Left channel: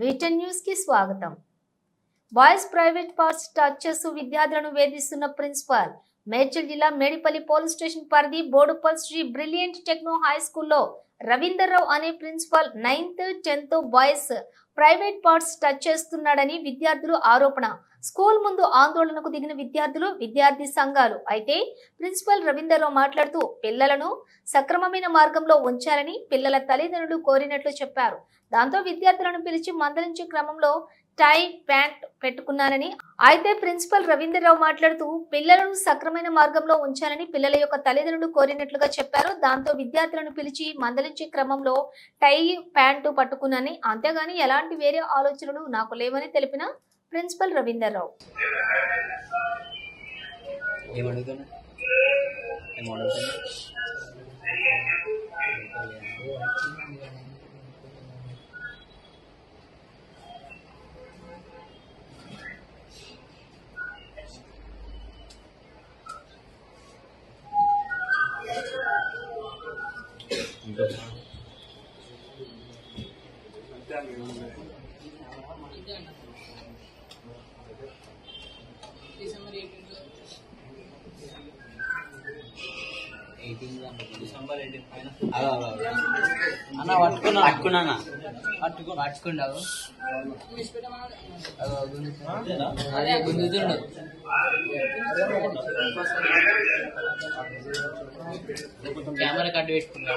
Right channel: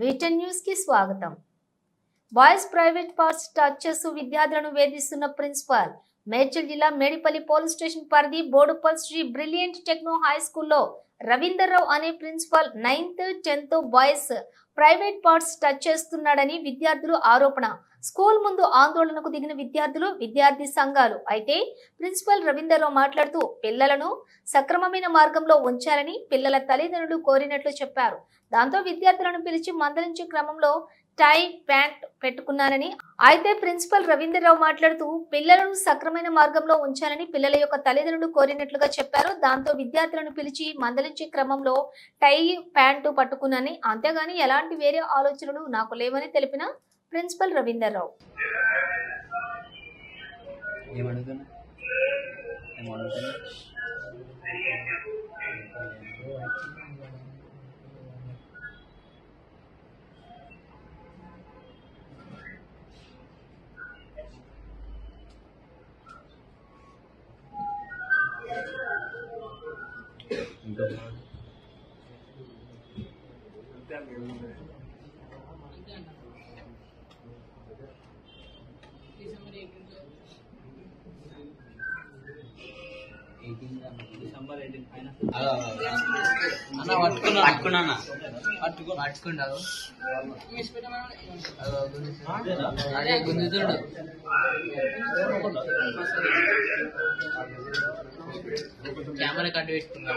వీటన్ news కి స్వాగతం. Boys private parts touch చేస్తూ విద్యార్థులను వేధిస్తున్న ప్రిన్సిపల్. మేడ్చల్ జిల్లా మేడిపల్లి పోలీస్ స్టేషన్ పరిధి Boduppal Sri brilliant techno high స్కూల్లో రవీందర్రావు అనే principal 9th 10th boys private parts touch చేస్తున్నాడని విద్యార్థులు ఆరోపణ. స్కూల్ ముందు ఆందోళనకు దిగిన విద్యార్థులు, విద్యార్థి సంఘాలు. అయితే ప్రిన్సిపల్ రవీందర్రావు మాట్లాడుతూ పిల్లలను సక్రమమైన మార్గంలో ఉంచాలని పిల్లల తల్లిదండ్రులు కోరినట్లు చెప్పారు. దాంతో విద్యార్థులను పిలిచి మందలించే క్రమంలో టై ప్యాంట్ పెట్టుకున్నానని. అయితే ప్రిన్సిపల్ రవీందర్రావు మాట్లాడుతూ పిల్లలను సక్రమైన మార్గంలో ఉంచాలని పిల్లల యొక్క తల్లిదండ్రులు కోరినట్లుగా చెప్పారు. దాంతో విద్యార్థులను పిలిచి మందలించే క్రమంలో టై ప్యాంటు పట్టుకున్నానని, అంతేగాని ఎలాంటి వేరే ఆలోచనలు నాకు లేవని తెలిపిన ప్రిన్సిపల్ రవీందర్రావు. కెమెరా కట్టు పెట్టుకున్నా